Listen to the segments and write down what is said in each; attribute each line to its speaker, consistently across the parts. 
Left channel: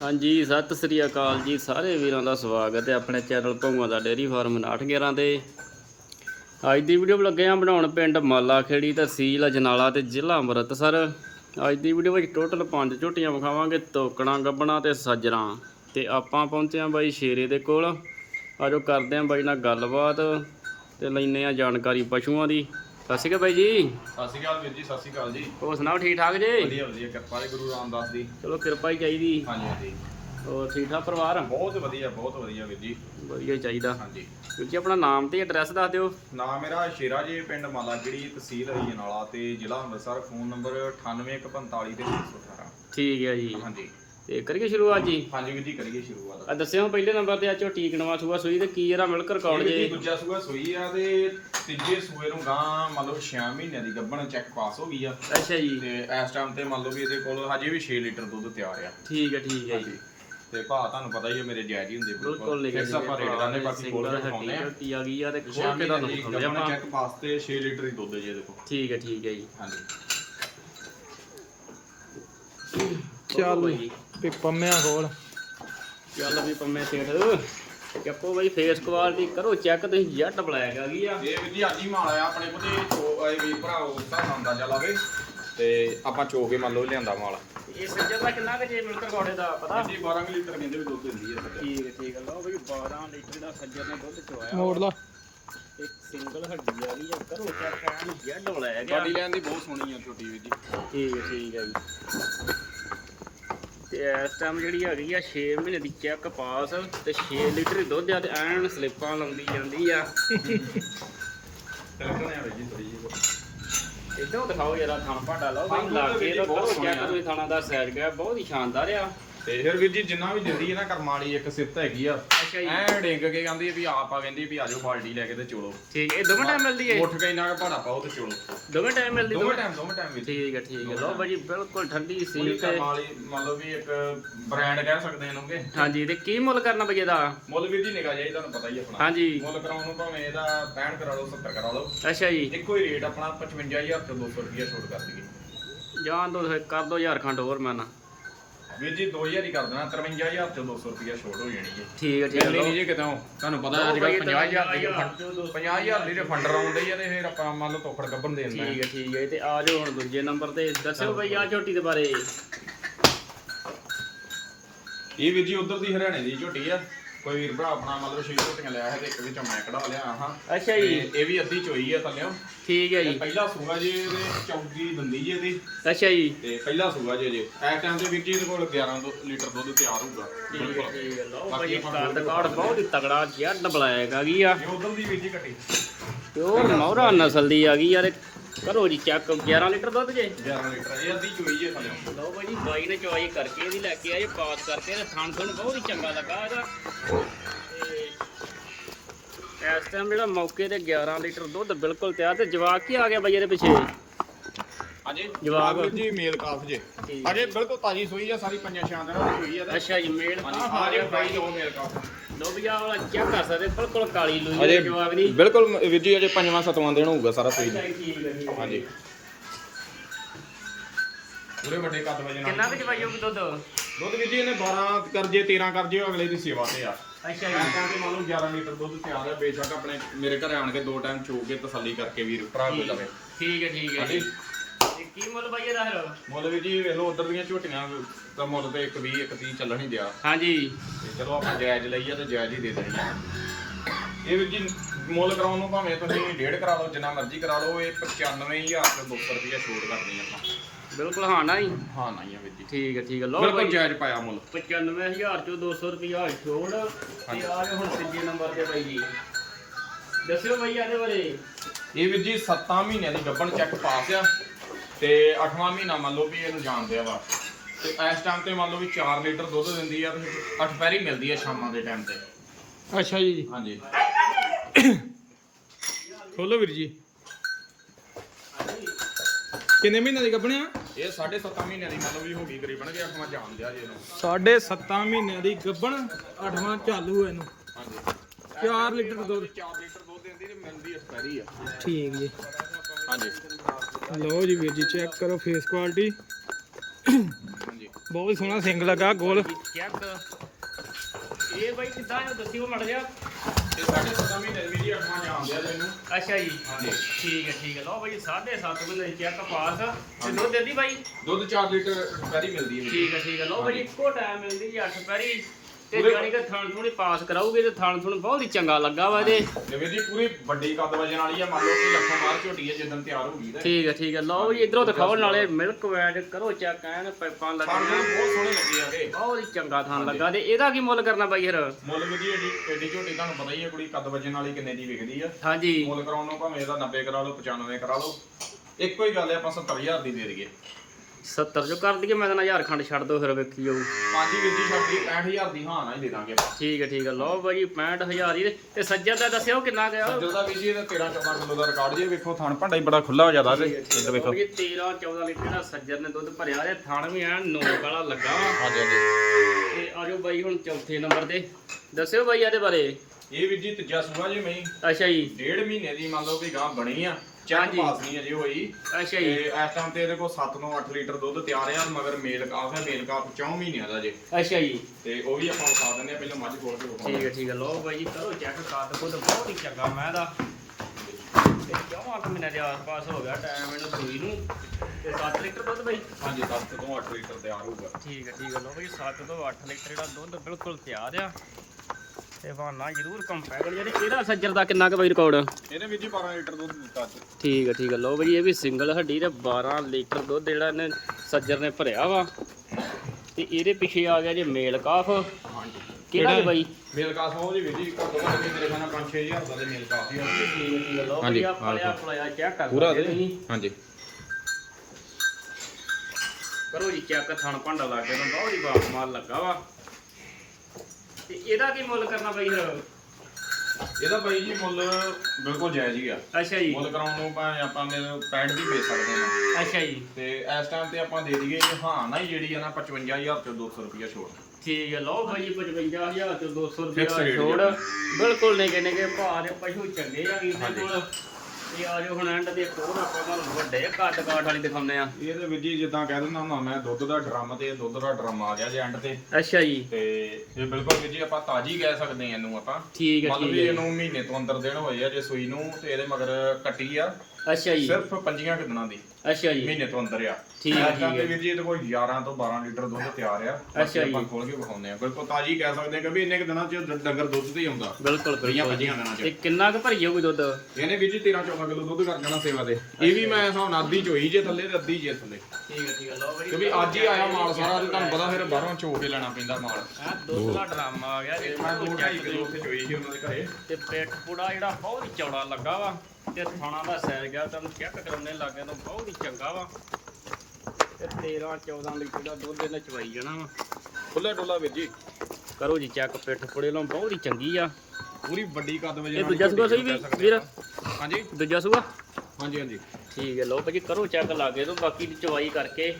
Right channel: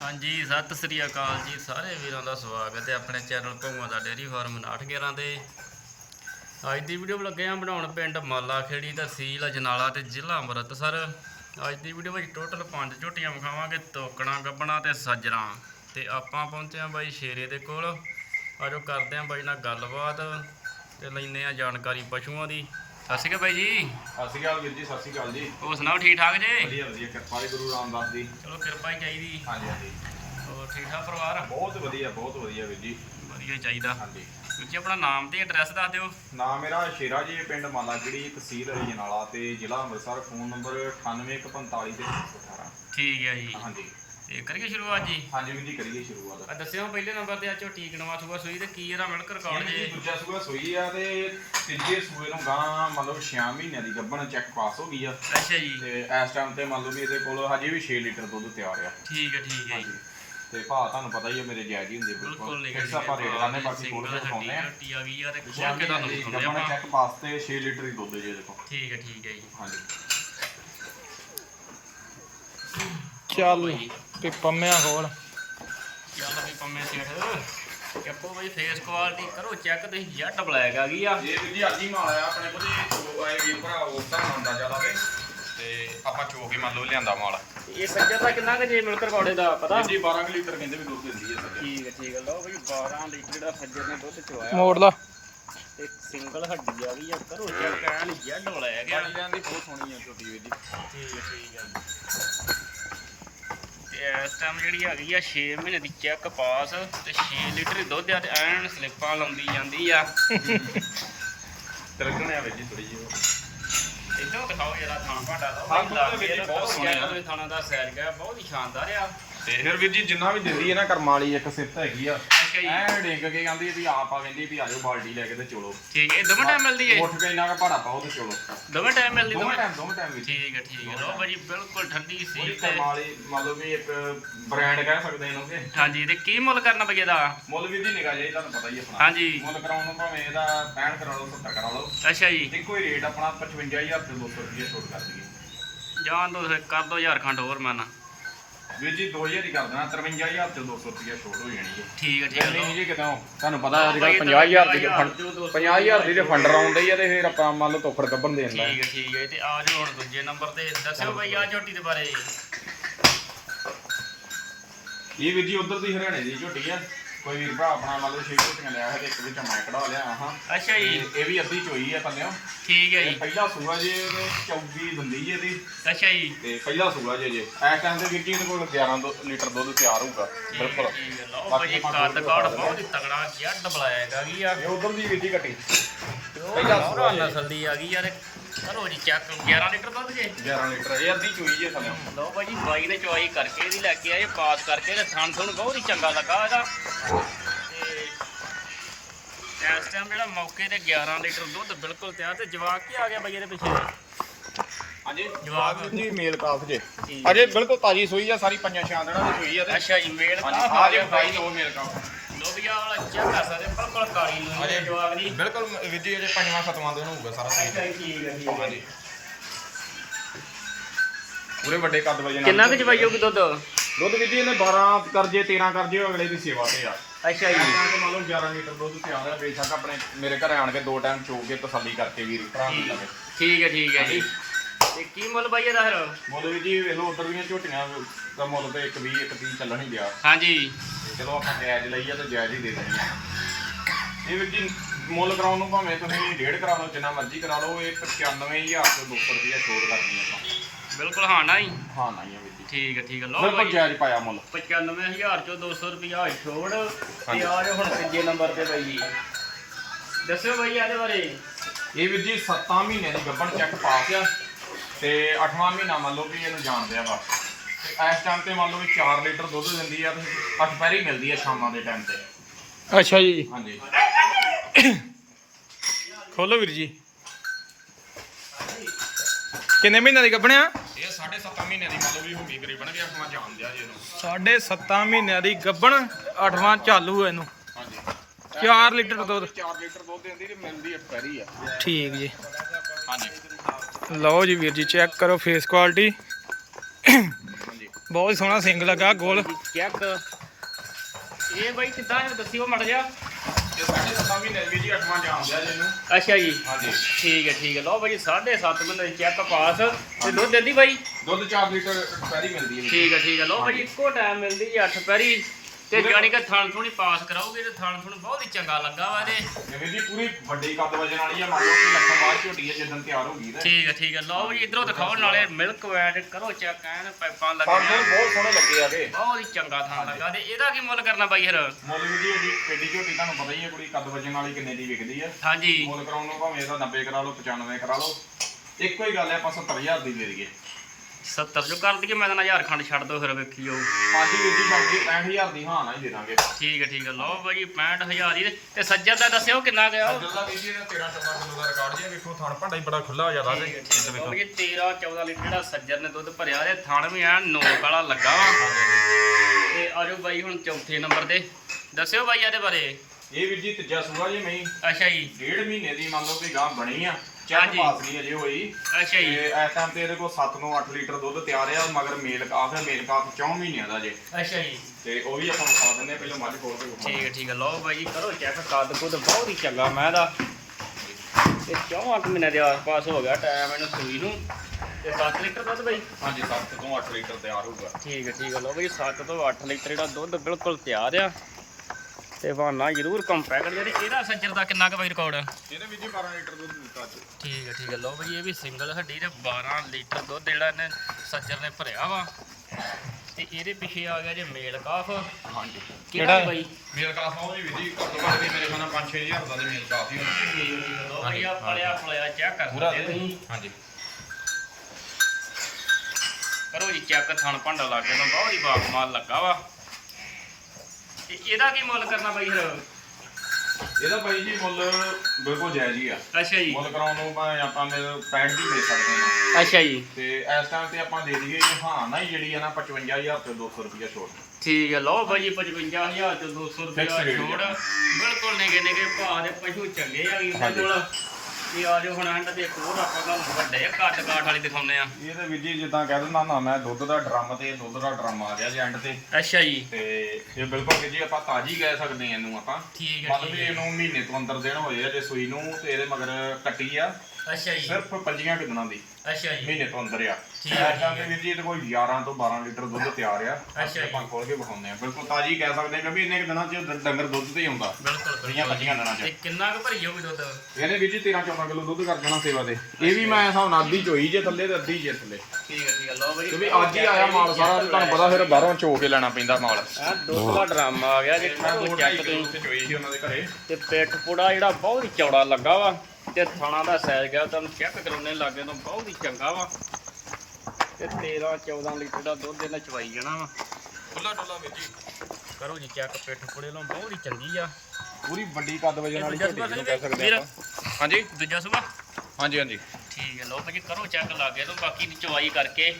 Speaker 1: ਹਾਂਜੀ, ਸਤਿ ਸ੍ਰੀ ਅਕਾਲ ਜੀ ਸਾਰੇ ਵੀਰਾਂ ਦਾ ਸਵਾਗਤ ਹੈ ਆਪਣੇ ਚੈਨਲ ਭੰਗਵਾ ਦਾ ਡੇਅਰੀ ਫਾਰਮ 911 ਤੇ। ਅੱਜ ਦੀ ਵੀਡੀਓ ਲੱਗੇ ਆ ਬਣਾਉਣ ਪਿੰਡ ਮਾਲਾ ਖੇੜੀ ਤਹਿਸੀਲ ਅਜਨਾਲਾ ਤੇ ਜ਼ਿਲ੍ਹਾ ਅੰਮ੍ਰਿਤਸਰ। ਅੱਜ ਦੀ ਵੀਡੀਓ ਵਿੱਚ ਟੋਟਲ ਪੰਜ ਝੋਟੀਆਂ ਵਿਖਾਵਾਂਗੇ ਤੋਕਣਾ ਗੱਬਣਾ ਤੇ ਸੱਜਰਾਂ। ਤੇ ਆਪਾਂ ਪਹੁੰਚੇ ਆ ਬਾਈ ਸ਼ੇਰੇ ਦੇ ਕੋਲ। ਆਜੋ ਕਰਦੇ ਆ ਬਾਈ ਨਾਲ ਗੱਲਬਾਤ ਤੇ ਲੈਨੇ ਆ ਜਾਣਕਾਰੀ ਪਸ਼ੂਆਂ ਦੀ। ਸਤਿ ਸ਼੍ਰੀ ਅਕਾਲ ਬਾਈ ਜੀ।
Speaker 2: ਸਤਿ ਸ਼੍ਰੀ ਅਕਾਲ ਵੀਰ ਜੀ ਸਤਿ ਸ਼੍ਰੀ ਅਕਾਲ ਜੀ।
Speaker 1: ਹੋਰ ਸੁਣਾਓ ਠੀਕ ਠਾਕ ਜੀ?
Speaker 2: ਵਧੀਆ ਵਧੀਆ ਕਿਰਪਾ ਦੇ ਗੁਰੂ ਰਾਮਦਾਸ ਦੀ।
Speaker 1: ਚਲੋ ਕਿਰਪਾ ਹੀ ਚਾਹੀਦੀ।
Speaker 2: ਹਾਂਜੀ ਹਾਂਜੀ।
Speaker 1: ਹੋਰ ਠੀਕ ਠਾਕ ਪਰਿਵਾਰ?
Speaker 2: ਬਹੁਤ ਵਧੀਆ ਬਹੁਤ ਵਧੀਆ ਵੀਰ ਜੀ।
Speaker 1: ਵਧੀਆ ਹੀ ਚਾਹੀਦਾ।
Speaker 2: ਹਾਂਜੀ।
Speaker 1: ਵੀਰ ਜੀ ਆਪਣਾ ਨਾਮ ਤੇ ਐਡਰੈਸ ਦੱਸ ਦਿਓ।
Speaker 2: ਨਾਮ ਮੇਰਾ ਸ਼ੇਰਾ ਜੀ ਪਿੰਡ ਮਾਲਾਗੜੀ ਤਹਿਸੀਲ ਅਜਨਾਲਾ ਤੇ ਜ਼ਿਲ੍ਹਾ ਅੰਮ੍ਰਿਤਸਰ ਫੋਨ ਨੰਬਰ 9845 ਤੇ 118
Speaker 1: ਠੀਕ ਹੈ ਜੀ।
Speaker 2: ਹਾਂਜੀ।
Speaker 1: ਤੇ ਕਰੀਏ ਸ਼ੁਰੂਆਤ ਜੀ?
Speaker 2: ਹਾਂਜੀ ਵੀਰ ਜੀ ਕਰੀਏ ਸ਼ੁਰੂਆਤ।
Speaker 1: ਆ ਦੱਸਿਓ ਪਹਿਲੇ ਨੰਬਰ ਤੇ ਆ ਝੋਟੀ ਕਿਨਵਾ ਸੂਆ ਸੂਈ ਤੇ ਕੀ ਇਹਦਾ ਮਿਲਕ ਰਿਕਾਰਡ
Speaker 2: ਜੀ
Speaker 1: ਜੇ?
Speaker 2: ਦੂਜਾ ਸੂਆ ਸੋਈ ਆ ਤੇ ਤੀਜੇ ਸੂਏ ਨੂੰ ਗਾਂ ਮੰਨ ਲਓ 6 ਮਹੀਨਿਆਂ ਦੀ ਗੱਭਣ ਚੈੱਕ ਪਾਸ ਹੋ ਗਈ ਆ।
Speaker 1: ਅੱਛਾ ਜੀ।
Speaker 2: ਤੇ ਇਸ ਟਾਈਮ ਤੇ ਮੰਨ ਲਓ ਵੀ ਇਹਦੇ ਕੋਲ ਹਜੇ ਵੀ 6 ਲੀਟਰ ਦੁੱਧ ਤਿਆਰ ਆ।
Speaker 1: ਠੀਕ ਹੈ ਠੀਕ ਹੈ ਜੀ।
Speaker 2: ਤੇ ਭਾਅ ਤੁਹਾਨੂੰ ਪਤਾ ਹੀ ਆ ਮੇਰੇ ਜਾਇਜ਼ ਹੀ ਹੁੰਦੇ
Speaker 1: ਬਿਲਕੁਲ। ਲਿਖਿਆ
Speaker 2: ਫਿਕਸ ਆਪਾਂ ਰੇਟ ਕਰਨੇ ਬਾਕੀ ਕੋਲ
Speaker 1: ਸਿੰਗਲ
Speaker 2: ਕੇ
Speaker 1: ਹੱਡੀ
Speaker 2: ਖਾਉਂਦੇ ਆ।
Speaker 1: ਝੋਟੀ ਆ ਗਈ ਆ ਤੇ ਖੋਲ ਕੇ ਤੁਹਾਨੂੰ
Speaker 2: ਦੀ
Speaker 1: ਦਿਖਾਉਂਦੇ
Speaker 2: ਗੱਭਣ
Speaker 1: ਆਪਾਂ।
Speaker 2: ਚੈੱਕ ਪਾਸ ਤੇ 6 ਲੀਟਰ ਹੀ ਦੁੱਧ ਜੇ ਦੇਖੋ
Speaker 1: ਠੀਕ ਹੈ ਠੀਕ ਹੈ ਜੀ।
Speaker 2: ਹਾਂਜੀ।
Speaker 3: ਚੱਲ। ਤੇ ਪੰਮਿਆਂ ਕੋਲ।
Speaker 1: ਚੱਲ ਵੀ ਪੰਮੇ ਸੇਠ ਚੱਪੋ ਬਈ ਫੇਸ ਕੁਆਲਿਟੀ ਕਰੋ ਚੈੱਕ ਤੁਸੀਂ ਜੱਟ ਬਲੈਕ ਆ ਗਈ ਆ।
Speaker 2: ਇਹ ਵੀ ਜੀ ਅੱਜ ਹੀ ਮਾਲ ਆਇਆ ਆਪਣੇ ਕੋਲ ਤੇ ਚੋ ਆਏ ਵੀਰ ਭਰਾ ਉਸ ਦਾ ਅੰਦਾਜ਼ਾ ਲਾਵੇ। ਤੇ ਆਪਾਂ ਚੋ ਕੇ ਮੰਨ ਲਓ ਲਿਆਂਦਾ ਮਾਲ।
Speaker 1: ਇਹ ਸੱਜਰ ਦਾ ਕਿੰਨਾ ਕੁ ਜੇ ਮਿਲਕ ਰਿਕਾਰਡ ਦਾ ਪਤਾ?
Speaker 2: ਜੀ 12 ਕੁ ਲੀਟਰ ਕਹਿੰਦੇ ਵੀ ਦੁੱਧ ਦਿੰਦੀ ਹੈ ਸੱਜਾ।
Speaker 1: ਠੀਕ ਹੈ ਠੀਕ ਹੈ। ਲਓ ਬਈ 12 ਲੀਟਰ ਦਾ ਸੱਜਰ ਨੇ ਦੁੱਧ ਚੋਇਆ।
Speaker 3: ਮੋੜ ਲਾ।
Speaker 1: ਇੱਕ ਸਿੰਗਲ ਹੱਡੀ ਆ ਗਈ ਆ ਕਰੋ ਚੈੱਕ ਐਨ ਜੱਡ ਬਲੈਕ ਆ।
Speaker 2: ਗਾੜੀ ਲੈਣ ਦੀ ਬਹੁਤ ਸੋਹਣੀ ਹੈ ਛੋਟੀ ਵੀਰ ਜੀ।
Speaker 1: ਠੀਕ ਹੈ ਠੀਕ ਹੈ ਜੀ। ਤੇ ਇਸ ਟਾਈਮ ਜਿਹੜੀ ਹੈਗੀ ਆ 6 ਮਹੀਨੇ ਦੀ ਚੈੱਕ ਪਾਸ ਤੇ 6 ਲੀਟਰ ਦੁੱਧ ਆ ਤੇ ਐਨ ਸਲਿੱਪਾਂ ਲਾਉਂਦੀ ਜਾਂਦੀ ਆ।
Speaker 2: ਤਰਕਣੇ ਜੀ ਥੋੜੀ ਜਿਹੀ
Speaker 1: ਇਦਾਂ ਦਿਖਾਓ ਥਣ ਭਾਂਡਾ ਲਓ ਲਾਗੇ
Speaker 2: ਬਹੁਤ ਸੋਹਣੇ
Speaker 1: ਥਾਣਾ ਦਾ ਸਾਈਜ਼ ਗਿਆ ਬਹੁਤ ਹੀ ਸ਼ਾਨਦਾਰ ਆ।
Speaker 2: ਤੇ ਫਿਰ ਵੀਰ ਜੀ ਜਿੰਨਾ ਵੀ ਦਿੰਦੀ ਹੈ ਨਾ ਕਰਮਾਂ ਵਾਲੀ ਇੱਕ ਸਿਫਤ ਹੈਗੀ ਆ
Speaker 1: ਅੱਛਾ ਜੀ।
Speaker 2: ਐ ਡਿੱਗ ਕੇ ਕਹਿੰਦੀ ਵੀ ਆਪਾਂ ਕਹਿੰਦੀ ਵੀ ਆਜੋ ਬਾਲਟੀ ਲੈ ਕੇ ਤੇ ਚੋਲੋ।
Speaker 1: ਠੀਕ ਇਹ ਦੋਵੇਂ ਟਾਈਮ ਮਿਲਦੀ ਹੈ
Speaker 2: ਉੱਠ ਕੇ ਇੰਨਾ ਕੁ ਭਾੜਾ ਪਾਓ ਤੇ ਚੋਲੋ।
Speaker 1: ਦੋਵੇਂ ਟਾਈਮ ਮਿਲਦੀ
Speaker 2: ਦੋਵੇਂ ਟਾਈਮ ਦੋਵੇਂ ਟਾਈਮ ਜੀ
Speaker 1: ਠੀਕ ਹੈ ਠੀਕ ਹੈ। ਲਓ ਭਾਜੀ ਬਿਲਕੁਲ ਠੰਡੀ ਸੀ ਤੇ
Speaker 2: ਕਰਮਾਂ ਵਾਲੀ ਮੰਨ ਲਓ ਵੀ ਇੱਕ ਬ੍ਰਾਂਡ ਕਹਿ ਸਕਦੇ ਇਹਨੂੰ ਕਿ।
Speaker 1: ਹਾਂਜੀ ਤੇ ਕੀ ਮੁੱਲ ਕਰਨਾ ਬਈ ਇਹਦਾ?
Speaker 2: ਮੁੱਲ ਵੀਰ ਜੀ ਨਿਕਾ ਜਾਈ ਤੁਹਾਨੂੰ ਪਤਾ ਹੀ ਆ ਆਪਣਾ।
Speaker 1: ਹਾਂਜੀ।
Speaker 2: ਮੁੱਲ ਕਰਾਉਣ ਨੂੰ ਭਾਵੇਂ ਇਹਦਾ 65 ਕਰਾ ਲਓ 70 ਕਰਾ ਲਓ।
Speaker 1: ਅੱਛਾ ਜੀ।
Speaker 2: ਇੱਕੋ ਹੀ ਰੇਟ ਆਪਣਾ 55000 ਤੋਂ 200 ਰੁਪਏ ਛੋਟ ਕਰ ਦਈਏ।
Speaker 1: ਜਾਣ ਦੋ ਕਰ ਦੋ ਹਜ਼ਾਰ ਖੰਡ ਹੋਰ ਮੈਂ ਨਾ।
Speaker 2: ਵੀਰ ਜੀ 2000 ਹੀ ਕਰ ਦੇਣਾ 53000 ਤੋਂ 200 ਰੁਪਏ ਛੋਟ ਹੋ ਜਾਣੀ ਹੈ।
Speaker 1: ਠੀਕ ਹੈ ਠੀਕ ਹੈ
Speaker 2: ਨਹੀਂ ਜੀ ਕਿਤੋਂ ਤੁਹਾਨੂੰ ਪਤਾ ਜਿਹੜਾ 50000 ਦੀ
Speaker 1: 50000 ਚੋਂ ਦੋ ਸੌ
Speaker 2: 50000 ਦੀ ਫੰਡ ਰਾਉਂਦੇ ਆ ਤੇ ਫਿਰ ਆਪਾਂ ਮੰਨ ਲਓ ਤੋਫੜ ਗੱਬਣ ਦੇ। ਦਿੰਦਾ
Speaker 1: ਠੀਕ ਹੈ ਠੀਕ ਹੈ। ਤੇ ਆ ਜਾਓ ਹੁਣ ਦੂਜੇ ਨੰਬਰ ਤੇ। ਦੱਸਿਓ ਬਈ ਆ ਝੋਟੀ ਦੇ ਬਾਰੇ।
Speaker 2: ਇਹ ਵੀਰ ਜੀ ਉਧਰ ਦੀ ਹਰਿਆਣੇ ਦੀ ਝੋਟੀ ਆ। ਕੋਈ ਵੀਰ ਭਰਾ ਆਪਣਾ ਮੰਨ ਲਓ ਛੇ ਝੋਟੀਆਂ ਲਿਆ ਹੈ ਤੇ ਇੱਕ ਵਿੱਚ ਮੈਂ ਕਢਾ ਲਿਆ ਹਾਂ
Speaker 1: ਅੱਛਾ ਜੀ।
Speaker 2: ਇਹ ਵੀ ਅੱਧੀ ਚੋਈ ਆ ਥੱਲਿਓ।
Speaker 1: ਠੀਕ ਹੈ ਜੀ।
Speaker 2: ਪਹਿਲਾ ਸੂਆ ਜੇ ਇਹਦੇ ਚੌਗੀ ਦੰਦੀ ਜੇ ਇਹਦੀ।
Speaker 1: ਅੱਛਾ ਜੀ।
Speaker 2: ਤੇ ਪਹਿਲਾ ਸੂਆ ਜੇ ਜੇ। ਇਸ ਟਾਈਮ ਤੇ ਵੀਰ ਜੀ ਇਹਦੇ ਕੋਲ 11 ਦੋ- ਲੀਟਰ ਦੁੱਧ ਤਿਆਰ ਹੋਊਗਾ।
Speaker 1: ਠੀਕ ਹੈ ਠੀਕ ਹੈ। ਲਓ ਭਾਈ ਕੱਦ ਕਾੜ ਬਹੁਤ ਹੀ ਤਗੜਾ ਜੱਡ ਬਲੈਕ ਆ ਗਈ ਆ।
Speaker 2: ਉਧਰ ਦੀ ਵੀਰ ਜੀ ਕੱਟੀ
Speaker 1: ਤੇ ਉਹ ਨਸਲ ਦੀ ਆ ਗਈ ਯਾਰ। ਕਰੋ ਜੀ ਚੈੱਕ 11 ਲੀਟਰ ਦੁੱਧ ਜੇ।
Speaker 2: 11 ਲੀਟਰ ਇਹ ਅੱਧੀ ਚੋਈ ਜੇ ਥੱਲਿਓ
Speaker 1: ਲਓ ਭਾਈ ਜੀ ਬਾਈ ਨੇ ਚੁਆਈ ਕਰਕੇ ਇਹਦੀ ਲੈ ਕੇ ਆਏ ਪਾਸ ਕਰਕੇ ਤੇ ਥਣ ਥਣ ਬਹੁਤ ਹੀ ਚੰਗਾ ਲੱਗਾ ਇਹਦਾ। ਤੇ ਇਸ ਟਾਈਮ ਜਿਹੜਾ ਮੌਕੇ ਤੇ 11 ਲੀਟਰ ਦੁੱਧ ਬਿਲਕੁਲ ਤਿਆਰ ਤੇ ਜਵਾਕ ਕੀ ਆ ਗਿਆ ਬਾਈ ਇਹਦੇ ਪਿੱਛੇ?
Speaker 2: ਹਾਂਜੀ?
Speaker 1: ਜਵਾਬ
Speaker 2: ਜੀ ਮੇਲ ਕਾਫ ਜੇ। ਅਜੇ ਬਿਲਕੁਲ ਤਾਜੀ ਸੂਈ ਆ ਸਾਰੀ ਪੰਜਾਂ ਛਾਂ ਦਿਨਾਂ ਦੀ ਸੂਈ ਆ ਤੇ
Speaker 1: ਅੱਛਾ ਜੀ ਮੇਲ ਕਾਫ
Speaker 2: ਆ ਜੇ
Speaker 1: ਬਾਈ
Speaker 2: ਦੋ ਮੇਲ ਕਾਫ।
Speaker 1: ਲੋਬੀਆ ਵਾਲਾ ਚੈੱਕ ਕਰ ਸਕਦੇ? ਬਿਲਕੁਲ ਕਾਲੀ ਲੂਈ ਹੈ ਜਵਾਕ ਦੀ।
Speaker 2: ਬਿਲਕੁਲ ਵੀਰ ਜੀ ਅਜੇ ਪੰਜਵਾਂ ਸਤਵਾਂ ਦਿਨ ਹੋਊਗਾ ਸਾਰਾ ਸੂਈ
Speaker 1: ਅੱਛਾ ਜੀ, ਠੀਕ ਹੈ ਠੀਕ ਹੈ।
Speaker 2: ਹਾਂਜੀ। ਉਹਦੇ ਵੱਡੇ ਕੱਦ ਵਜੇ ਨਾਲ
Speaker 1: ਕਿੰਨਾ ਕੁ ਚਵਾਈ ਹੋਊਗੀ ਦੁੱਧ?
Speaker 2: ਦੁੱਧ ਵੀਰ ਜੀ ਇਹਨੇ 12 ਕਰਜੇ 13 ਕਰਜੇ ਅਗਲੇ ਦੀ ਸੇਵਾ ਤੇ ਆ।
Speaker 1: ਅੱਛਾ
Speaker 2: ਟਾਈਮ ਤੇ ਮੰਨ ਲਓ 11 ਲੀਟਰ ਦੁੱਧ ਤਿਆਰ ਆ ਬੇਸ਼ੱਕ ਆਪਣੇ ਮੇਰੇ ਘਰੇ ਆਣ ਕੇ ਦੋ ਟਾਈਮ ਚੋ ਕੇ ਤਸੱਲੀ ਕਰਕੇ ਵੀਰ ਭਰਾ ਕੋਈ ਲਵੇ
Speaker 1: ਠੀਕ ਹੈ ਠੀਕ ਹੈ ਜੀ। ਤੇ ਕੀ ਮੁੱਲ ਬਾਈ ਇਹਦਾ ਫਿਰ?
Speaker 2: ਮੁੱਲ ਵੀ ਜੀ ਵੇਖ ਲਓ ਉਧਰ ਦੀਆਂ ਝੋਟੀਆਂ ਦਾ ਮੁੱਲ ਤੇ 1 20 1 30 ਚੱਲਣ ਹੀ ਦਿਆ
Speaker 1: ਹਾਂਜੀ।
Speaker 2: ਤੇ ਚਲੋ ਆਪਾਂ ਜਾਇਜ਼ ਲਈ ਆ ਤਾਂ ਜਾਇਜ਼ ਹੀ ਦੇ ਦੇਣੀ ਆ। ਇਹ ਵੀਰ ਜੀ ਮੁੱਲ ਕਰਾਉਣ ਨੂੰ ਭਾਵੇਂ ਤੁਸੀਂ ਡੇਢ ਕਰਾ ਲਓ ਜਿੰਨਾ ਮਰਜ਼ੀ ਕਰਾ ਲਓ ਇਹ 95000 ਤੋਂ 200 ਰੁਪਏ ਛੋੜ ਕਰਨੀ ਆਪਾਂ।
Speaker 1: ਬਿਲਕੁਲ ਹਾਂ ਨਾ ਜੀ?
Speaker 2: ਹਾਂ ਨਹੀਂ ਆ ਵੀਰ ਜੀ।
Speaker 1: ਠੀਕ ਹੈ ਠੀਕ ਹੈ ਲਓ
Speaker 2: ਬਿਲਕੁਲ ਜਾਇਜ਼ ਪਾਇਆ ਮੁੱਲ।
Speaker 1: 95000 ਚੋਂ 200 ਰੁਪਿਆ ਛੋੜ। ਤੇ ਆ ਜਾਓ ਹੁਣ ਤੀਜੇ ਨੰਬਰ ਤੇ ਬਾਈ ਜੀ। ਦੱਸਿਓ ਬਾਈ ਇਹਦੇ ਬਾਰੇ।
Speaker 2: ਇਹ ਵੀਰ ਜੀ 7 ਮਹੀਨਿਆਂ ਦੀ ਗੱਭਣ ਚੈੱਕ ਪਾਸ ਆ। ਤੇ 8ਵਾਂ ਮਹੀਨਾ ਮੰਨ ਲਓ ਵੀ ਇਹਨੂੰ ਜਾਣਦੇ ਆ ਵਾ ਤੇ ਇਸ ਟਾਈਮ ਤੇ ਮੰਨ ਲਓ ਵੀ 4 ਲੀਟਰ ਦੁੱਧ ਦਿੰਦੀ ਆ ਤੇ 8 ਪੈਰੀ ਮਿਲਦੀ ਆ ਸ਼ਾਮਾਂ ਦੇ ਟਾਈਮ ਤੇ।
Speaker 3: ਅੱਛਾ ਜੀ।
Speaker 2: ਹਾਂਜੀ।
Speaker 3: ਖੋਲੋ ਵੀਰ ਜੀ। ਕਿੰਨੇ ਮਹੀਨਿਆਂ ਦੀ ਗੱਭਣਿਆ?
Speaker 2: ਇਹ 7.5 ਮਹੀਨਿਆਂ ਦੀ ਮੰਨ ਲਓ ਵੀ ਹੋ ਗਈ ਕਰੀਬਨ ਕਿ 8ਵਾਂ ਜਾਣਦੇ ਆ ਜੀ ਇਹਨੂੰ।
Speaker 3: ਸਾਢੇ 7 ਮਹੀਨਿਆਂ ਦੀ ਗੱਭਣ 8ਵਾਂ ਚਾਲੂ ਹੈ ਇਹਨੂੰ।
Speaker 2: ਹਾਂਜੀ।
Speaker 3: 4 ਲੀਟਰ ਦੁੱਧ।
Speaker 2: 4 ਲੀਟਰ ਦੁੱਧ ਦਿੰਦੀ ਤੇ ਮਿਲਦੀ ਐਕਸਪਾਇਰੀ ਆ।
Speaker 3: ਠੀਕ ਜੀ।
Speaker 2: ਹਾਂਜੀ।
Speaker 3: ਲਓ ਜੀ ਵੀਰ ਜੀ ਚੈੱਕ ਕਰੋ ਫੇਸ ਕੁਆਲਿਟੀ ਬਹੁਤ ਸੋਹਣਾ ਸਿੰਗ ਲੱਗਾ ਗੋਲ।
Speaker 1: ਚੈੱਕ ਇਹ ਬਾਈ ਕਿੱਦਾਂ ਦੱਸਿਓ ਮੜ ਜਾ
Speaker 2: ਤੇ ਸਾਢੇ 7 ਮਹੀਨੇ ਦੀ ਵੀਰ ਜੀ ਅੱਠਵਾਂ ਜਾਂਦਿਆ ਜੀ ਇਹਨੂੰ
Speaker 1: ਅੱਛਾ ਜੀ।
Speaker 2: ਹਾਂਜੀ।
Speaker 1: ਠੀਕ ਹੈ ਠੀਕ ਹੈ। ਲਓ ਬਾਈ 7.5 ਮਹੀਨੇ ਦੀ ਚੈੱਕ ਪਾਸ ਤੇ ਦੁੱਧ ਦਿੰਦੀ ਬਾਈ?
Speaker 2: ਦੁੱਧ 4 ਲੀਟਰ ਦੁਪਹਿਰੀ ਮਿਲਦੀ ਹੈ ਜੀ।
Speaker 1: ਠੀਕ ਹੈ ਠੀਕ ਹੈ। ਲਓ ਬਾਈ ਇੱਕੋ ਟਾਈਮ ਮਿਲਦੀ ਜੀ 8 ਪੈਰੀ। ਤੇ
Speaker 2: ਪੂਰੇ-
Speaker 1: ਜਾਣੀ ਕਿ ਥਣ ਥੋੜੀ ਪਾਸ ਕਰਾਉਗੇ ਤੇ ਥਣ ਥਣ ਬਹੁਤ ਹੀ ਚੰਗਾ ਲੱਗਾ ਵਾ ਇਹਦੇ।
Speaker 2: ਤੇ ਵੀਰ ਜੀ ਪੂਰੀ ਵੱਡੀ ਕੱਦ ਵਜਨ ਵਾਲੀ ਆ ਮੰਨ ਲਓ ਕਿ ਲੱਖੋਂ ਬਾਅਦ ਝੋਟੀ ਹੈ ਜਦੋਂ ਤਿਆਰ ਹੋ ਗਈ ਤੇ।
Speaker 1: ਠੀਕ ਹੈ ਠੀਕ ਹੈ ਲਓ ਜੀ ਇਧਰੋਂ ਦਿਖਾਓ ਨਾਲੇ ਮਿਲਕ ਵੈਟ ਕਰੋ ਚੈੱਕ ਐਨ ਪਾਈਪਾਂ
Speaker 2: ਸਾਨੂੰ
Speaker 1: ਲੱਗੀਆਂ
Speaker 2: ਬਹੁਤ ਸੋਹਣੇ ਲੱਗੇ ਆਗੇ
Speaker 1: ਬਹੁਤ ਹੀ ਚੰਗਾ ਥਾਂ ਲੱਗਾ ਤੇ ਇਹਦਾ ਕੀ ਮੁੱਲ ਕਰਨਾ ਬਾਈ ਫਿਰ?
Speaker 2: ਮੁੱਲ ਵੀਰ ਜੀ ਇਹਦੀ ਐਡੀ ਝੋਟੀ ਤੁਹਾਨੂੰ ਪਤਾ ਹੀ ਹੈ ਕੁੜੀ ਕੱਦ ਵਜਨ ਵਾਲੀ ਕਿੰਨੇ ਦੀ ਵਿਕਦੀ ਹੈ
Speaker 1: ਹਾਂਜੀ।
Speaker 2: ਮੁੱਲ ਕਰਾਉਣ ਨੂੰ ਭਾਵੇਂ ਇਹਦਾ 90 ਕਰਾ ਲਓ 95 ਕਰਾ ਲਓ। ਇੱਕੋ ਹੀ ਗੱਲ ਹੈ ਆਪਾਂ 70000 ਦੀ ਦੇ ਦਈਏ।
Speaker 1: 70 ਜੋ ਕਰ ਦਈਏ ਮੈਂ ਤਾਂ 1000 ਖੰਡ ਛੱਡ ਦੋ ਫਿਰ ਵੇਖੀ ਜਾਊ।
Speaker 2: ਹਾਂਜੀ ਵੀਰ ਜੀ ਛੱਡ ਦੀ 65000 ਦੀ ਹਾਂ ਨਾ ਹੀ ਦੇ ਦਾਂਗੇ।
Speaker 1: ਠੀਕ ਹੈ ਠੀਕ ਹੈ। ਲਓ ਬਾਈ 65000 ਹੀ ਤੇ ਸੱਜਰ ਦਾ ਦੱਸਿਓ ਕਿੰਨਾ ਗਿਆ
Speaker 2: ਸੱਜੋ ਦਾ ਵੀਰ ਜੀ ਇਹਦਾ 13 14 ਕਿਲੋ ਦਾ ਰਿਕਾਰਡ ਜੀ ਇਹ ਵੇਖੋ ਥਣ ਭਾਂਡਾ ਹੀ ਬੜਾ ਖੁੱਲਾ ਹੋ ਜਾਂਦਾ ਤੇ ਇੱਧਰ ਵੇਖੋ।
Speaker 1: ਜੀ 13 14 ਲੀਟਰ ਜਿਹੜਾ ਸੱਜਰ ਨੇ ਦੁੱਧ ਭਰਿਆ ਤੇ ਥਣ ਵੀ ਐਨ ਨੋਕ ਵਾਲਾ ਲੱਗਾ ਤੇ ਆਜੋ ਬਾਈ ਹੁਣ ਚੌਥੇ ਨੰਬਰ ਤੇ। ਦੱਸਿਓ ਬਾਈ ਇਹਦੇ ਬਾਰੇ।
Speaker 2: ਇਹ ਵੀਰ ਜੀ ਤੀਜਾ ਸੂਆ ਜੀ ਮੈਂ
Speaker 1: ਅੱਛਾ ਜੀ।
Speaker 2: ਡੇਢ ਮਹੀਨੇ ਦੀ ਮੰਨ ਲਓ ਵੀ ਗਾਂ ਬਣੀ ਆ। ਚੈੱਕ
Speaker 1: ਹਾਂਜੀ।
Speaker 2: ਪਾਸ ਨਹੀਂ ਅਜੇ ਹੋਈ।
Speaker 1: ਅੱਛਾ
Speaker 2: ਤੇ
Speaker 1: ਜੀ
Speaker 2: ਇਸ ਟਾਈਮ ਤੇ ਇਹਦੇ ਕੋਲ 7 ਤੋਂ 8 ਲੀਟਰ ਦੁੱਧ ਤਿਆਰ ਆ ਮਗਰ ਮੇਲ ਕਾਫ ਹੈ ਮੇਲ ਕਾਫ 4 ਮਹੀਨਿਆਂ ਦਾ ਜੇ
Speaker 1: ਅੱਛਾ ਜੀ।
Speaker 2: ਤੇ ਉਹ ਵੀ ਆਪਾਂ ਵਿਖਾ ਦਿੰਦੇ ਆ ਪਹਿਲਾਂ ਮੱਝ ਖੋਲ ਕੇ ਵਿਖਾਉਂਦੇ
Speaker 1: ਠੀਕ ਹੈ ਠੀਕ ਹੈ ਲਓ ਬਾਈ ਜੀ ਕਰੋ ਚੈੱਕ ਕੱਦ ਕੁੱਦ ਬਹੁਤ ਹੀ ਚੰਗਾ ਮੈਂ ਦਾ ਤੇ 4 ਮਹੀਨੇ ਦੇ ਆਸ-ਪਾਸ ਹੋ ਗਿਆ ਟਾਈਮ ਇਹਨੂੰ ਸੂਈ ਨੂੰ। ਤੇ 7 ਲੀਟਰ ਦੁੱਧ ਬਾਈ?
Speaker 2: ਹਾਂਜੀ 7 ਤੋਂ 8 ਲੀਟਰ ਤਿਆਰ ਹੋਊਗਾ।
Speaker 1: ਠੀਕ ਹੈ ਠੀਕ ਹੈ ਲਓ ਬਈ 7 ਤੋਂ 8 ਲੀਟਰ ਜਿਹੜਾ ਦੁੱਧ ਬਿਲਕੁਲ ਤਿਆਰ ਆ। ਤੇ ਬਹਾਨਾ ਜ਼ਰੂਰ ਕੰਪੈਕਟ ਜਿਹੜੇ ਇਹਦਾ ਸੱਜਰ ਦਾ ਕਿੰਨਾ ਕੁ ਬਈ ਰਿਕਾਰਡ
Speaker 2: ਇਹਦੇ ਵਿੱਚ ਹੀ 12 ਲੀਟਰ ਦੁੱਧ ਦਿੱਤਾ ਅੱਜ
Speaker 1: ਠੀਕ ਹੈ ਠੀਕ ਹੈ ਲਓ ਬਈ ਇਹ ਵੀ ਸਿੰਗਲ ਹੱਡੀ ਤੇ 12 ਲੀਟਰ ਦੁੱਧ ਜਿਹੜਾ ਇਹਨੇ ਸੱਜਰ ਨੇ ਭਰਿਆ ਵਾ। ਤੇ ਇਹਦੇ ਪਿੱਛੇ ਆ ਗਿਆ ਜੇ ਮੇਲ ਕਾਫ।
Speaker 2: ਹਾਂਜੀ।
Speaker 1: ਕਿਹੜਾ? ਬਈ?
Speaker 2: ਮੇਲ ਕਾਫ ਉਹ ਜੀ ਵੀਰ ਜੀ ਘੱਟੋ ਘੱਟ ਵੀ ਮੇਰੇ ਖਾਨਾ 5-6000 ਦਾ ਤੇ ਮੇਲ ਕਾਫ ਹੀ ਹੋਣਗੇ
Speaker 1: ਠੀਕ ਹੈ ਹੈ ਲਓ ਬਈ
Speaker 2: ਹਾਂਜੀ,
Speaker 1: ਆ ਪਲਿਆ ਪਲਿਆ ਚੈੱਕ ਕਰ
Speaker 2: ਪੂਰਾ
Speaker 1: ਸਕਦੇ ਤੁਸੀਂ।
Speaker 2: ਹਾਂਜੀ।
Speaker 1: ਕਰੋ ਜੀ ਚੈੱਕ ਥਣ ਭਾਂਡਾ ਲੱਗੇ ਤਾਂ ਬਹੁਤ ਹੀ ਬਾਕਮਾਲ ਲੱਗਾ ਵਾ। ਤੇ ਇਹਦਾ ਕੀ ਮੁੱਲ ਕਰਨਾ ਬਈ ਫਿਰ?
Speaker 2: ਇਹਦਾ ਬਾਈ ਜੀ ਮੁੱਲ ਬਿਲਕੁਲ ਜਾਇਜ਼ ਹੀ ਆ।
Speaker 1: ਅੱਛਾ ਜੀ।
Speaker 2: ਮੁੱਲ ਕਰਾਉਣ ਨੂੰ ਭਾਵੇਂ ਆਪਾਂ ਮੇਰੇ 65 ਵੀ ਦੇ ਸਕਦੇ ਹਾਂ।
Speaker 1: ਅੱਛਾ ਜੀ।
Speaker 2: ਤੇ ਇਸ ਟਾਈਮ ਤੇ ਆਪਾਂ ਦੇ ਦਈਏ ਕਿ ਹਾਂ ਨਾ ਜਿਹੜੀ ਆ ਨਾ 55000 ਤੇ 200 ਰੁਪਇਆ ਛੋੜ
Speaker 1: ਠੀਕ ਹੈ ਲਓ ਭਾਜੀ 55000 ਚ 200 ਰੁਪਏ ਛੋੜ। ਬਿਲਕੁਲ ਨਿੱਕੇ ਨਿੱਕੇ ਭਾਅ ਦੇ ਪਸ਼ੂ ਚੰਗੇ ਆ ਇਹਨਾਂ। ਕੋਲ। ਇਹ ਆ ਜਾਓ ਹੁਣ ਐਂਡ ਦੇ ਕੋਲ ਆਪਾਂ ਤੁਹਾਨੂੰ ਵੱਡੇ ਕੱਟ ਕਾਟ ਵਾਲੀ ਦਿਖਾਉਂਦੇ ਆ
Speaker 2: ਇਹ ਤੇ ਵੀਰ ਜੀ ਜਿੱਦਾਂ ਕਹਿ ਦਿੰਦਾ ਨਾ ਮੈਂ ਦੁੱਧ ਦਾ ਡਰਮ ਤੇ ਇਹ ਦੁੱਧ ਦਾ ਡਰਮ ਆ ਗਿਆ ਜੀ ਐਂਡ ਤੇ।
Speaker 1: ਅੱਛਾ ਜੀ।
Speaker 2: ਤੇ ਇਹ ਬਿਲਕੁਲ ਵੀਰ ਜੀ ਆਪਾਂ ਤਾਜੀ ਕਹਿ ਸਕਦੇ ਹਾਂ ਇਹਨੂੰ ਆਪਾਂ।
Speaker 1: ਠੀਕ ਹੈ
Speaker 2: ਮਤਲਬ ਵੀ ਇਹਨੂੰ ਮਹੀਨੇ ਤੋਂ ਅੰਦਰ ਦਿਨ ਹੋਏ ਆ ਜੇ ਸੂਈ ਨੂੰ ਤੇ ਇਹਦੇ ਮਗਰ ਕੱਟੀ ਆ।
Speaker 1: ਅੱਛਾ ਜੀ।
Speaker 2: ਸਿਰਫ ਪੰਜੀਆਂ ਕੁ ਦਿਨਾਂ ਦੀ?
Speaker 1: ਅੱਛਾ ਜੀ।
Speaker 2: ਮਹੀਨੇ ਤੋਂ ਅੰਦਰ ਆ।
Speaker 1: ਠੀਕ ਹੈ,
Speaker 2: ਇਸ time
Speaker 1: ਠੀਕ
Speaker 2: ਤੇ ਵੀਰ ਜੀ ਇਹਦੇ ਕੋਲ 11 ਤੋਂ 12 ਲੀਟਰ ਦੁੱਧ ਤਿਆਰ ਆ।
Speaker 1: ਅੱਛਾ
Speaker 2: ਆਪਾਂ
Speaker 1: ਜੀ।
Speaker 2: ਖੋਲ ਕੇ ਵਿਖਾਉਂਦੇ ਆ ਬਿਲਕੁਲ ਤਾਜੀ ਕਹਿ ਸਕਦੇ ਹਾਂ ਕਿ ਵੀ ਇੰਨੇ ਕੁ ਦਿਨਾਂ ਚ ਡ- ਡੰਗਰ ਦੁੱਧ ਤੇ ਹੀ ਆਉਂਦਾ।
Speaker 1: ਬਿਲਕੁਲ
Speaker 2: ਵੀਹਾਂ ਪੱਚੀਆਂ ਦਿਨਾਂ
Speaker 1: ਤੇ
Speaker 2: ਚ
Speaker 1: ਕਿੰਨਾ ਕੁ ਭਰੀ ਜਾਊਗੀ ਦੁੱਧ?
Speaker 2: ਇਹਨੇ ਵੀਰ ਜੀ 13 14 ਕਿਲੋ ਦੁੱਧ ਕਰ ਜਾਣਾ ਸੇਵਾ ਤੇ। ਇਹ ਵੀ ਮੈਂ ਹੁਣ ਅੱਧੀ ਚੋਈ ਜੇ ਥੱਲੇ ਤੇ ਅੱਧੀ ਜੇ ਥੱਲੇ।
Speaker 1: ਠੀਕ ਹੈ ਠੀਕ ਹੈ। ਲਓ ਭਾਈ
Speaker 2: ਕਿਉਂਕਿ ਅੱਜ ਹੀ ਆਇਆ ਮਾਲ ਸਾਰਾ ਤੇ ਤੁਹਾਨੂੰ ਪਤਾ ਫਿਰ ਬਾਹਰੋਂ ਚੋ ਕੇ ਲੈਣਾ ਪੈਂਦਾ ਮਾਲ।
Speaker 1: ਆ ਦੁੱਧ ਦਾ ਡਰਾਮਾ ਆ ਗਿਆ ਜੇ।
Speaker 2: ਮੈਂ ਦੋ ਢਾਈ ਕਿਲੋ ਉੱਥੇ ਚੋਈ ਸੀ ਉਹਨਾਂ ਦੇ ਘਰੇ।
Speaker 1: ਤੇ ਪਿੱਠ ਪੂੜਾ ਜਿਹੜਾ ਬਹੁਤ ਹੀ ਚੌੜਾ ਲੱਗਾ ਵਾ। ਤੇ ਥਣਾ ਦਾ ਸਾਈਜ਼ ਗਿਆ ਤੁਹਾਨੂੰ ਚੈੱਕ ਕਰਾਉਣੇ ਲੱਗੇ ਤੋਂ ਬਹੁਤ ਹੀ ਚੰਗਾ ਵਾ। ਤੇ 13 14 ਲੀਟਰ ਦਾ ਦੁੱਧ ਇਹਨਾਂ ਚਵਾਈ ਜਾਣਾ ਵਾ।
Speaker 2: ਖੁੱਲਾ ਡੁੱਲਾ ਵੀਰ ਜੀ।
Speaker 1: ਕਰੋ ਜੀ ਚੈੱਕ ਪਿੱਠ ਪੂੜੇ ਨਾਲ ਬਹੁਤ ਹੀ ਚੰਗੀ ਆ।
Speaker 2: ਪੂਰੀ ਵੱਡੀ ਕੱਦ ਵਾਲੀ
Speaker 1: ਦੂਜਾ ਸੂਆ ਸਹੀ ਵੀਰ।
Speaker 2: ਹਾਂਜੀ?
Speaker 1: ਦੂਜਾ ਸੂਆ?
Speaker 2: ਹਾਂਜੀ ਹਾਂਜੀ।
Speaker 1: ਠੀਕ ਹੈ ਲਓ ਭਾਜੀ ਕਰੋ ਚੈੱਕ ਲਾ ਕੇ ਤੋਂ ਬਾਕੀ ਦੀ ਚਵਾਈ ਕਰਕੇ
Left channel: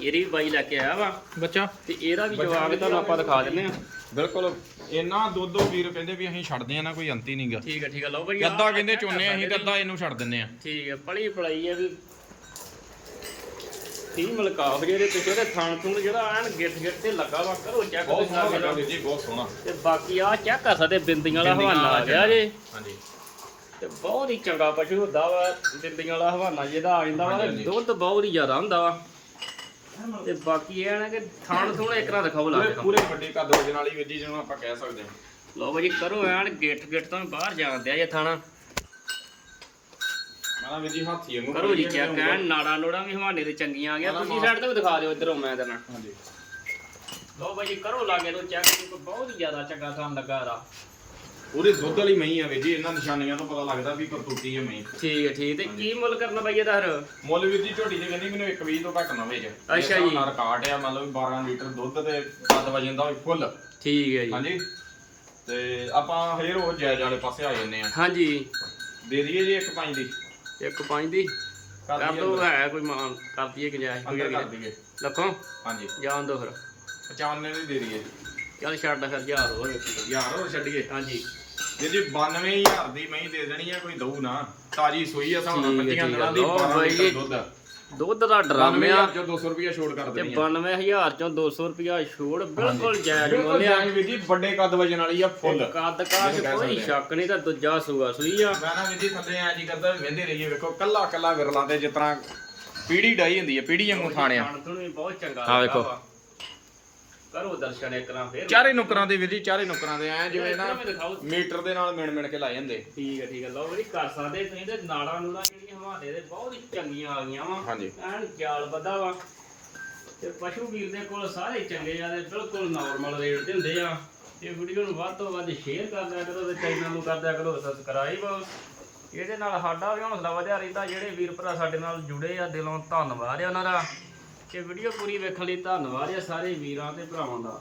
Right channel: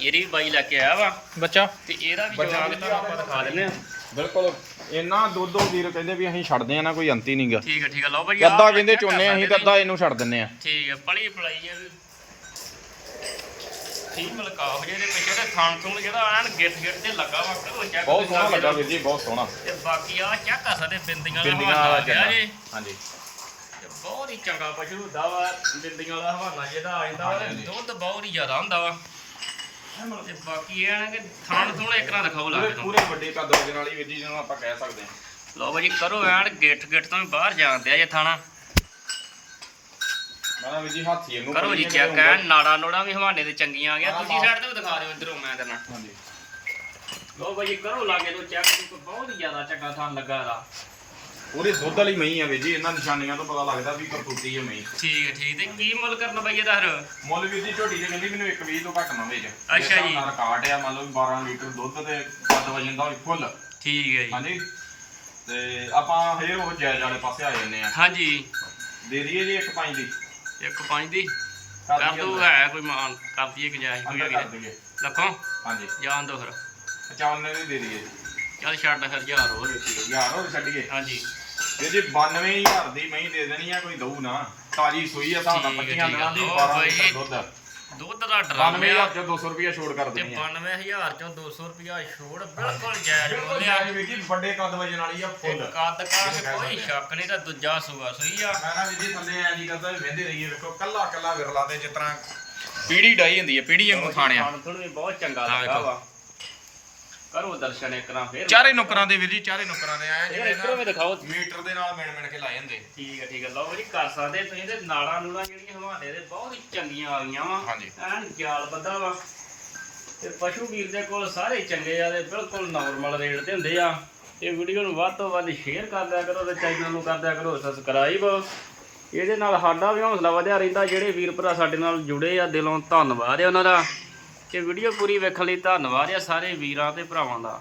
Speaker 1: ਇਹਦੀ ਵੀ ਬਾਈ ਲੈ ਕੇ ਆਇਆ ਵਾ।
Speaker 3: ਬੱਚਾ?
Speaker 1: ਤੇ ਇਹਦਾ ਵੀ ਜਵਾਬ ਤੁਹਾਨੂੰ ਆਪਾਂ ਦਿਖਾ ਦਿੰਨੇ ਆ
Speaker 2: ਬਿਲਕੁਲ। ਇੰਨਾ ਦੁੱਧ ਉਹ ਵੀਰ ਕਹਿੰਦੇ ਵੀ ਅਸੀਂ ਛੱਡਦੇ ਆ ਨਾ ਕੋਈ ਅੰਤ ਹੀ ਨਹੀਂਗਾ
Speaker 1: ਠੀਕ ਹੈ ਠੀਕ ਹੈ ਲਓ ਭਾਜੀ ਆਹ
Speaker 2: ਅੱਧਾ ਕਹਿੰਦੇ ਚੋਨੇ ਅਸੀਂ ਤੇ ਅੱਧਾ ਇਹਨੂੰ ਛੱਡ ਦਿੰਨੇ ਆ
Speaker 1: ਠੀਕ ਹੈ ਪਲੀ ਪਲਾਈ ਹੈ ਵੀ। ਠੀਕ ਮਲਕਾਫ ਜਿਹਦੇ ਪਿੱਛੇ ਦਾ ਖਾਣ ਥੂਣ ਜਿਹੜਾ ਐਨ ਗਿੱਟ ਗਿੱਟ ਤੇ ਲੱਗਾ ਵਾ ਕਰੋ ਚੈੱਕ
Speaker 2: ਬਹੁਤ ਸੋਹਣਾ ਲੱਗਾ। ਵੀਰ ਜੀ ਬਹੁਤ ਸੋਹਣਾ।
Speaker 1: ਤੇ ਬਾਕੀ ਆ ਚੈੱਕ ਕਰ ਸਕਦੇ ਬਿੰਦੀਆਂ ਵਾਲਾ ਹਵਾਨਾ ਆ ਗਿਆ ਜੇ।
Speaker 2: ਹਾਂਜੀ।
Speaker 1: ਤੇ ਬਹੁਤ ਹੀ ਚੰਗਾ ਪਸ਼ੂ ਹੁੰਦਾ ਵਾ ਬਿੰਦੀਆਂ ਵਾਲਾ ਹਵਾਨਾ ਜਿਹਦਾ ਆ ਜਾਂਦਾ ਵਾ ਤੇ। ਦੁੱਧ ਬਹੁਤ ਹੀ ਜ਼ਿਆਦਾ ਹੁੰਦਾ ਵਾ। ਤੇ ਬਾਕੀ ਇਹ ਨਾ ਕਿ ਥਾਣ ਥੂਣ ਇੱਕ ਨਾ ਦਿਖਾਓ ਲਾ ਕੇ ਤੁਹਾਨੂੰ।
Speaker 2: ਪੂਰੇ ਵੱਡੇ ਕੱਦ ਵਜਨ ਵਾਲੀ ਵੀਰ ਜੀ ਜਿਹਨੂੰ ਆਪਾਂ ਕਹਿ ਸਕਦੇ ਹਾਂ।
Speaker 1: ਲਓ ਭਾਜੀ ਕਰੋ ਐਨ ਗਿੱਟ ਗਿੱਟ ਤੋਂ ਵੀ ਬਾਹਰ ਜਾਂਦੇ ਆ ਜੇ ਥਾਣਾ।
Speaker 2: ਮਾਨਾ ਵੀਰ ਜੀ ਹਾਥੀ ਨੂੰ
Speaker 1: ਕਰੋ ਜੀ ਚੈੱਕ ਐਨ ਨਾੜਾ ਨੋੜਾ ਵੀ ਹਵਾਨੇ ਤੇ ਚੰਗੀਆਂ ਆ ਗਿਆ।
Speaker 2: ਹਾਂ।
Speaker 1: ਸਾਈਡ ਤੇ ਵੀ ਦਿਖਾ ਦਿਓ ਇੱਧਰੋਂ ਮੈਂ ਦੇਣਾ
Speaker 2: ਹਾਂਜੀ।
Speaker 1: ਲਓ ਭਾਜੀ ਕਰੋ ਲਾਗੇ ਤੋਂ ਚੈੱਕ ਬਹੁਤ ਹੀ ਜ਼ਿਆਦਾ ਚੰਗਾ ਥਾਂ ਲੱਗਾ ਇਹਦਾ।
Speaker 2: ਪੂਰੇ ਦੁੱਧ ਵਾਲੀ ਮਹੀਂ ਆ ਵੀਰ ਜੀ ਇਹਨਾਂ ਨਿਸ਼ਾਨੀਆਂ ਤੋਂ ਪਤਾ ਲੱਗਦਾ ਵੀ ਕਰਤੂਤੀ ਹੈ ਮਹੀਂ।
Speaker 1: ਠੀਕ ਹੈ ਠੀਕ ਤੇ ਕੀ ਮੁੱਲ ਕਰਨਾ ਬਾਈ ਇਹਦਾ ਫਿਰ?
Speaker 2: ਮੁੱਲ ਵੀਰ ਜੀ ਝੋਟੀ ਜੇ ਕਹਿੰਦੀ ਮੈਨੂੰ 120 ਤੋਂ ਘੱਟ ਨਾ ਵੇਚ।
Speaker 1: ਅੱਛਾ ਜੀ।
Speaker 2: ਰਿਕਾਰਡ ਆ ਵੀ 12 ਲੀਟਰ ਦੁੱਧ ਤੇ ਕੱਦ ਵਜਨ ਦਾ ਵੀ ਫੁੱਲ।
Speaker 1: ਠੀਕ ਹੈ ਜੀ।
Speaker 2: ਹਾਂਜੀ। ਤੇ ਆਪਾਂ ਫੇਰ ਉਹ ਜਾਇਜ਼ ਵਾਲੇ ਪਾਸੇ ਆ ਜਾਂਦੇ ਆ
Speaker 1: ਹਾਂਜੀ।
Speaker 2: ਦੇ ਦਈਏ ਜੀ ਇੱਕ ਪੰਜ ਦੀ।
Speaker 1: ਇੱਕ ਪੰਜ ਦੀ?
Speaker 2: ਕਰ
Speaker 1: ਦੋ। ਹੈ ਕੋਈ ਮਾਨ। ਕਰ ਦਈਏ ਗੁੰਜਾਇਸ਼ ਕੋਈ ਹੈਗੀ ਲੱਖੋਂ?
Speaker 2: ਹਾਂਜੀ।
Speaker 1: ਜਾਣ ਦੋ ਫਿਰ।
Speaker 2: 95 ਦੀ ਦੇ ਦਈਏ।
Speaker 1: ਚੱਲ ਛੱਡ ਫਿਰ ਹਜ਼ਾਰ ਹੋਰ ਵੇਖੀਏ
Speaker 2: ਯਾਰ ਹੋਰ ਛੱਡੀਏ।
Speaker 1: ਹਾਂਜੀ।
Speaker 2: ਵੀਰ ਜੀ 92000 ਦੀ ਮਹੀਂ ਦੇ ਦੇਣੀ ਆ ਕੋਈ ਦਊ ਨਾ। ਤਾਜੀ ਸੂਈ ਆ ਨਾਲ
Speaker 1: ਠੀਕ ਹੈ,
Speaker 2: 25
Speaker 1: ਠੀਕ ਹੈ।
Speaker 2: ਦਿਨਾਂ ਦੀ
Speaker 1: ਲਓ
Speaker 2: 12
Speaker 1: ਬਾਈ
Speaker 2: ਲੀਟਰ
Speaker 1: ਜੀ।
Speaker 2: ਦੁੱਧ
Speaker 1: ਦੁੱਧ ਦਾ ਡਰਮ
Speaker 2: 92000
Speaker 1: ਆ
Speaker 2: ਚੋਂ 200 ਰੁਪਏ ਛੋੜ ਕਰ
Speaker 1: ਤੇ
Speaker 2: ਦੇਣੀ ਆ।
Speaker 1: 92000 ਚੋਂ 200 ਰੁਪਿਆ ਛੋੜ ਬਿਲਕੁਲ ਜਾਇਜ਼
Speaker 2: ਬਿਲਕੁਲ
Speaker 1: ਮੁੱਲ ਆ।
Speaker 2: ਜਾਇਜ਼ ਵੀਰ ਜੀ ਵੱਡੇ ਕੱਦ ਵਜਨ ਵਾਲੀ ਆ ਫੁੱਲ।
Speaker 1: ਕੱਦ ਕਾਸ ਕੋਈ ਸ਼ੱਕ ਨਹੀਂ ਤਾਂ ਦੂਜਾ ਸੂਆ ਸੂਈ ਆ।
Speaker 2: ਗਾਣਾ ਵੀਰ ਜੀ ਥੱਲੇ ਆ ਜੀ ਕਰਦਾ ਵਹਿੰਦੇ ਰਹੀਏ ਵੇਖੋ ਕੱਲਾ ਕੱਲਾ ਵਿਰਲਾ ਤੇ ਜਿਸ ਤਰ੍ਹਾਂ ਪੀੜੀ ਡਾਈ ਹੁੰਦੀ ਹੈ ਪੀੜੀ ਵਾਂਗੂ ਥਾਣਿਆ।
Speaker 1: ਖਾਣ ਵੀ ਬਹੁਤ ਚੰਗਾ
Speaker 2: ਵੇਖੋ।
Speaker 1: ਵਾ। ਕਰੋ ਦਰਸ਼ਨ ਇੱਕ ਨਾ ਫੇਰ
Speaker 2: ਚਾਰੇ ਨੁਕਰਾਂ ਦੇ ਵੀਰ ਜੀ ਚਾਰੇ ਨੁਕਰਾਂ ਦੇ ਆਏ ਜਿਵੇਂ ਨਾ
Speaker 1: ਦਿਖਾਓ।
Speaker 2: ਮੀਟਰ ਦੇ ਨਾਲ ਮਿਣ ਮਿਣ ਕੇ ਲਾਏ ਹੁੰਦੇ।
Speaker 1: ਠੀਕ ਹੈ ਠੀਕ ਹੈ। ਲਓ ਜੀ ਕਰ ਸਕਦੇ ਤੁਸੀਂ ਤੇ ਨਾਲਾਂ ਨੂਲਾਂ ਜਿਹੜੀਆਂ ਹਵਾਲੇ ਦੇ ਬਹੁਤ ਹੀ ਚੰਗੀਆਂ ਆ ਗਈਆਂ ਵਾ।
Speaker 2: ਹਾਂਜੀ।
Speaker 1: ਐਨ ਜਾਲ ਬੱਧਾ ਵਾ। ਤੇ ਪਸ਼ੂ ਵੀਰ ਦੇ ਕੋਲ ਸਾਰੇ ਚੰਗੇ ਆ ਤੇ ਬਿਲਕੁਲ ਨਾਰਮਲ ਰੇਟ ਤੇ ਹੁੰਦੇ ਆ। ਇਹ ਵੀਡੀਓ ਨੂੰ ਵੱਧ ਤੋਂ ਵੱਧ ਸ਼ੇਅਰ ਕਰ ਦਿਆ ਕਰੋ ਤੇ ਚੈਨਲ ਨੂੰ ਕਰ ਦਿਆ ਕਰੋ ਸਬਸਕ੍ਰਾਈਬ ਇਹਦੇ ਨਾਲ ਸਾਡਾ ਵੀ ਹੌਸਲਾ ਵਧਿਆ ਰਹਿੰਦਾ ਜਿਹੜੇ ਵੀਰ ਭਰਾ ਸਾਡੇ ਨਾਲ ਜੁੜੇ ਆ ਦਿਲੋਂ ਧੰਨਵਾਦ ਹੈ ਉਹਨਾਂ ਦਾ। ਇਹ ਵੀਡੀਓ ਪੂਰੀ ਵੇਖਣ ਲਈ ਧੰਨਵਾਦ ਆ ਸਾਰੇ ਵੀਰਾਂ ਤੇ ਭਰਾਵਾਂ ਦਾ।